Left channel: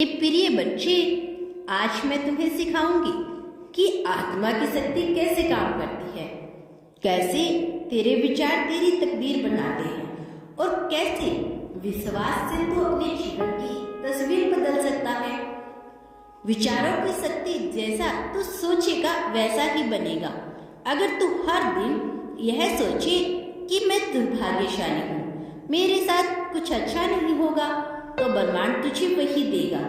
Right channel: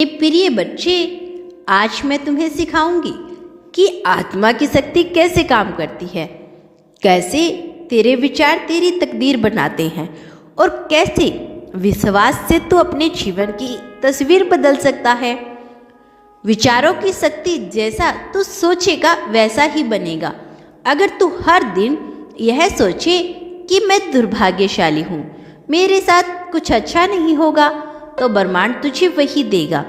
प्रिय बच्चे, आज मैं तुम्हें सिखाऊंगी कि आत्मा की शक्ति कैसे काम करती है, कैसे तेरे विचार तेरी तकदीर बनाते हैं और कैसे विश्वास से तू अपने जीवन की तस्वीर बदल सकता है। विचारों की शक्ति, जैसा तू सोचेगा वैसा ही बनेगा। अगर तू हर दिन यह सोचे कि मैं दुर्भाग्यशाली हूँ, मेरे साथ कुछ अच्छा नहीं होगा, तो ब्रह्मांड तुझे वही देगा।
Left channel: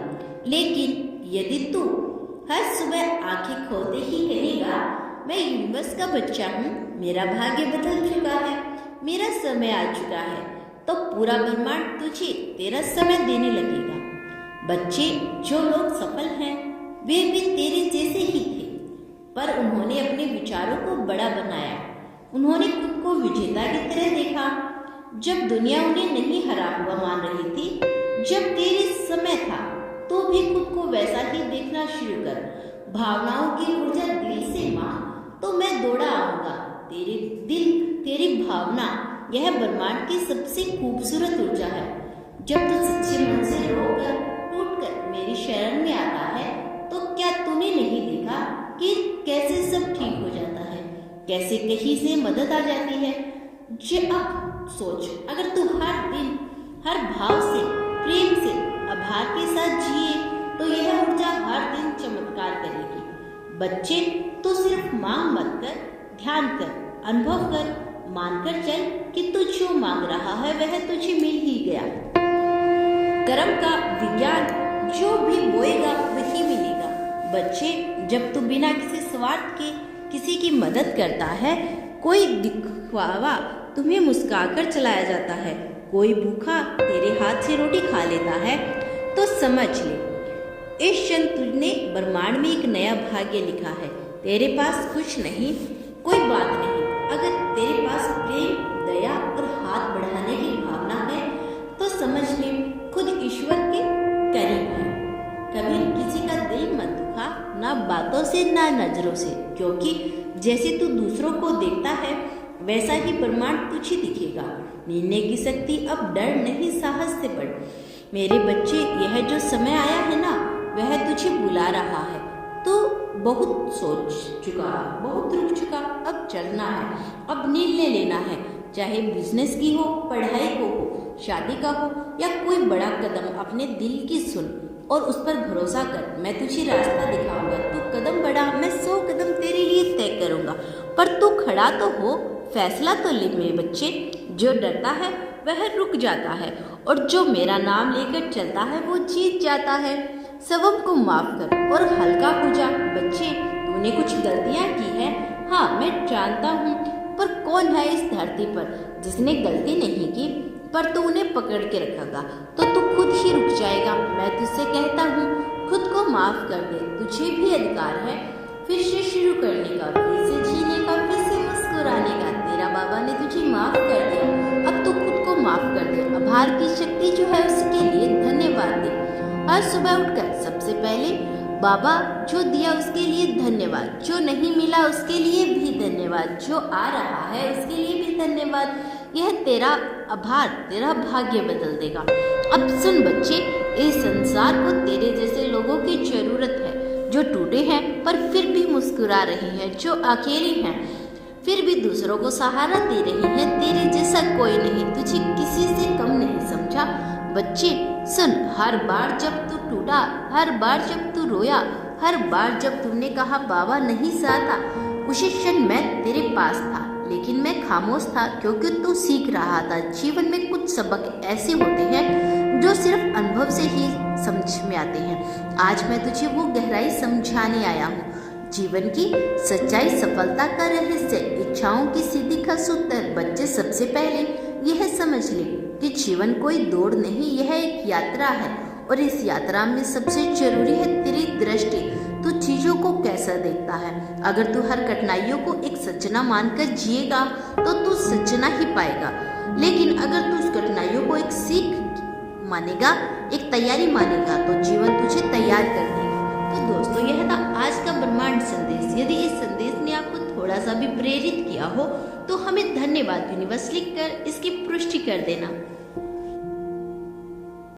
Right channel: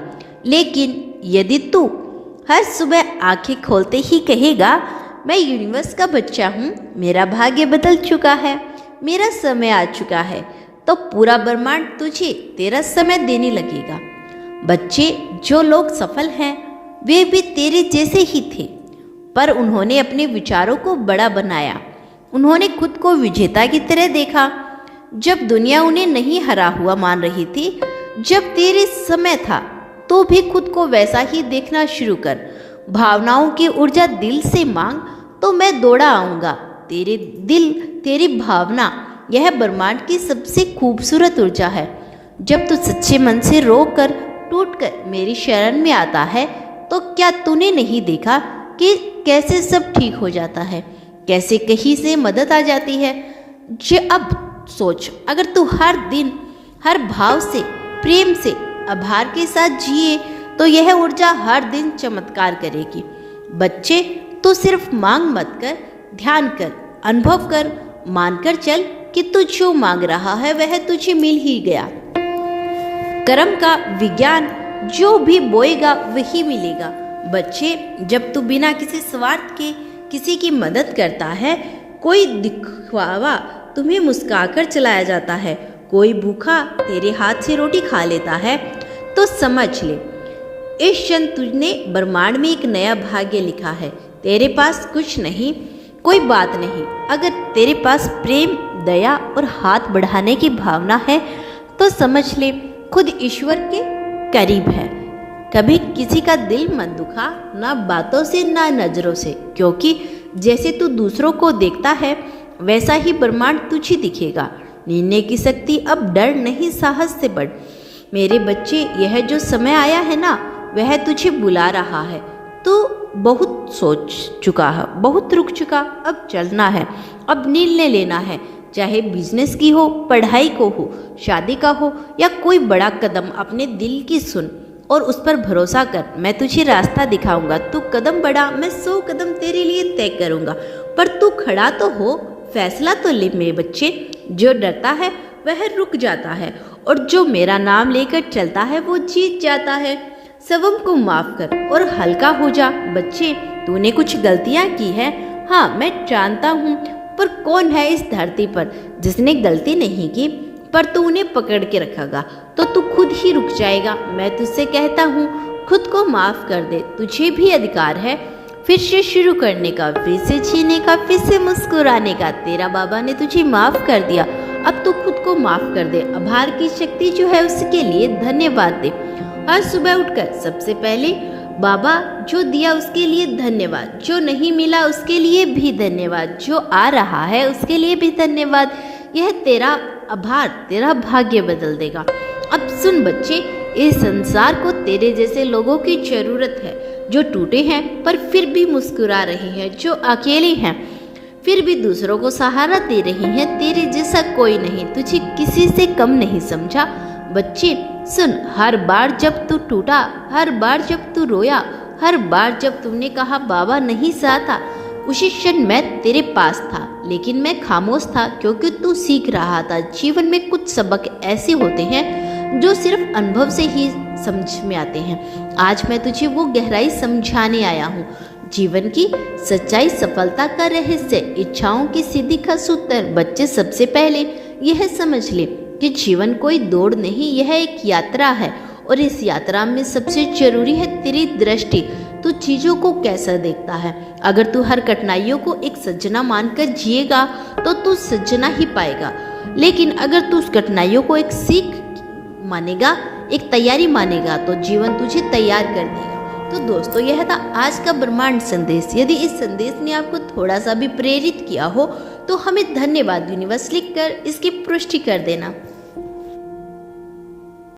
लेकिन यदि तू हर सुबह आंखें खोलते ही कहेगा, मैं यूनिवर्स का बच्चा हूँ, मेरा भाग्य बदल चुका है, मेरा समय आ चुका है, तो पूरा ब्रह्मांड तुझे तेरा समय देने लगेगा। बच्चे, जो लोग सफल हैं वे भी तेरे जैसे ही थे, पर उन्होंने अपने विचारों को बड़ा बनाया। उन्होंने खुद को विजेता की तरह देखा। जब दुनिया उन्हें नहीं हरा हुआ मान रही थी, जब तेरे समय था, तो भी खुद को वैसा ही देखना शुरू कर। भावनाओं की ऊर्जा दिल से मांग, तो मैं दौड़ा आऊँगा। तेरे दिल, तेरी भावना, यह ब्रह्मांड की सबसे खूबसूरत ऊर्जा है। जब तू सच्चे मन से रो कर टूट कर मेरी शरण में आता है, तो क्या तूने नहीं देखा कि कैसे सब ठीक हो जाता है, कैसे कहीं से मदद आ जाती है। अब सोच, अगर तू हर दिन हर भाव से, प्रेम से, आभार के साथ जिए, तो यह ऊर्जा हर दिन चमत्कार करेगी। बच्चे, तू सिर्फ मांग मत कर, ध्यान कर, अनुभव कर, मानकर चल कि तू जो मांग रहा है वह तुझे मिल ही गया। कर्म का विज्ञान, जो भी बोएगा वही मिलेगा। बच्चे, जब तू बिना किसी स्वार्थ के किसी की मदद करता है, कोई दिखावा तुम्हें मुस्कुराकर चलाया जाता है, कोई भूखा तेरे हाथ से रोटी खा लेता है, तो समझ ले इस क्षण तुझने ब्रह्मांड में एक नया भाग्य लिखा है। तेरे पास कुछ नहीं, कोई बात नहीं, अगर तेरे पास प्रेम, दया और हाथ बढ़ाने की भावना है, तो समझ ले खुद ईश्वर के करीब है। कभी किसी का दिल मत दुखा, ना बातों से ना नजरों से, क्योंकि जैसे तू दूसरों को देखता है वैसा ही ब्रह्मांड तुझे दिखेगा। निर्णय की शक्ति अब डर नहीं, साहस से बढ़। मेरे बच्चे, यह जो समय आया है ना, वह तुझे बुला रहा है। तू बहुत सोच चुका है, बहुत रुक चुका, अब चलना है, अब निर्णय लेना है। चाहे बिजनेस की हो, पढ़ाई को हो, शादी का हो, या कोई बड़ा कदम, अपने दिल की सुन और उस पर भरोसा कर। मैं तुझे रास्ता दिखाऊंगा, तू कदम बढ़ा, मैं 100 कदम तेरे लिए तय करूंगा। पर तू खड़ा तो हो, फैसला तो ले मेरे बच्चे। जो डरता है वह रुक जाता है, और जो मेरा नाम लेकर चलता है वो जीत जाता है। सबम को माफ कर और हल्का हो जा। बच्चे, तूने कुछ गलतियां की है, हाँ मैं जानता हूँ, पर कौन है इस धरती पर जिसने गलती नहीं की, पर तू उन्हें पकड़ के रखेगा तो तू खुद ही रुक जाएगा। मैं तुझसे कहता हूँ, खुद को माफ कर दे। तुझे भी अधिकार है फिर से शुरू करने का, फिर से जीने का, फिर से मुस्कुराने का। तेरा बाबा ने तुझे माफ कर दिया, अब तू खुद को माफ कर दे। आभार की शक्ति जो है उसके लिए धन्यवाद दे। हर सुबह उठकर सबसे पहले बाबा जो दिया उसके लिए धन्यवाद, जो नहीं मिला उसके लिए भी धन्यवाद, जो आ रहा है उसके लिए भी धन्यवाद। यह तेरा आभार तेरा भाग्य बदल देगा। अब सुन बच्चे, इस संसार को तेरे जैसे लोगों की जरूरत है, जो टूटे हैं पर फिर भी मुस्कुरा रहे हैं, जो अकेले हैं फिर भी दूसरों को सहारा दे रही हैं। तेरे जैसा कोई नहीं, तुझे किसी से कम नहीं समझा। बच्चे सुन, हर बार जब तू टूटा, हर बार जब तू रोया, हर बार जब तुमने कहा बाबा नहीं साथ, उसी क्षण मैं तेरे पास था, लेकिन मैं खामोश था क्योंकि तू सीख रहा था। जीवन में कुछ सबक ऐसे होते हैं जो सिर्फ अनुभव से ही समझ में आते हैं। आज मैं तुझे वो गहराई समझाने आया हूँ। जीवन की सच्चाई, सफलता का रहस्य, इच्छाओं की सिद्धि का सूत्र। बच्चे, सबसे पहले यह समझ ले कि जीवन कोई दौड़ नहीं, यह एक यात्रा है, और इस यात्रा में सबसे जरूरी है तेरी दृष्टि। तू चीजों को कैसा देखता है। अगर तू हर कठिनाइयों को एक सज्जना मानकर जिएगा तो तू सज्जना ही पाएगा, लेकिन अगर तू उस कठिनाइयों को एक सीख मानेगा, एक तैयारी मानेगा, तो जीवन तुझे तैयार कर देगा। तो दोस्तों, यह था आज का ब्रह्मांड संदेश। यदि इस संदेश ने आपको थोड़ा सा भी प्रेरित किया हो तो हमें धन्यवाद यूनिवर्स लिखकर इसकी पुष्टि कर देना।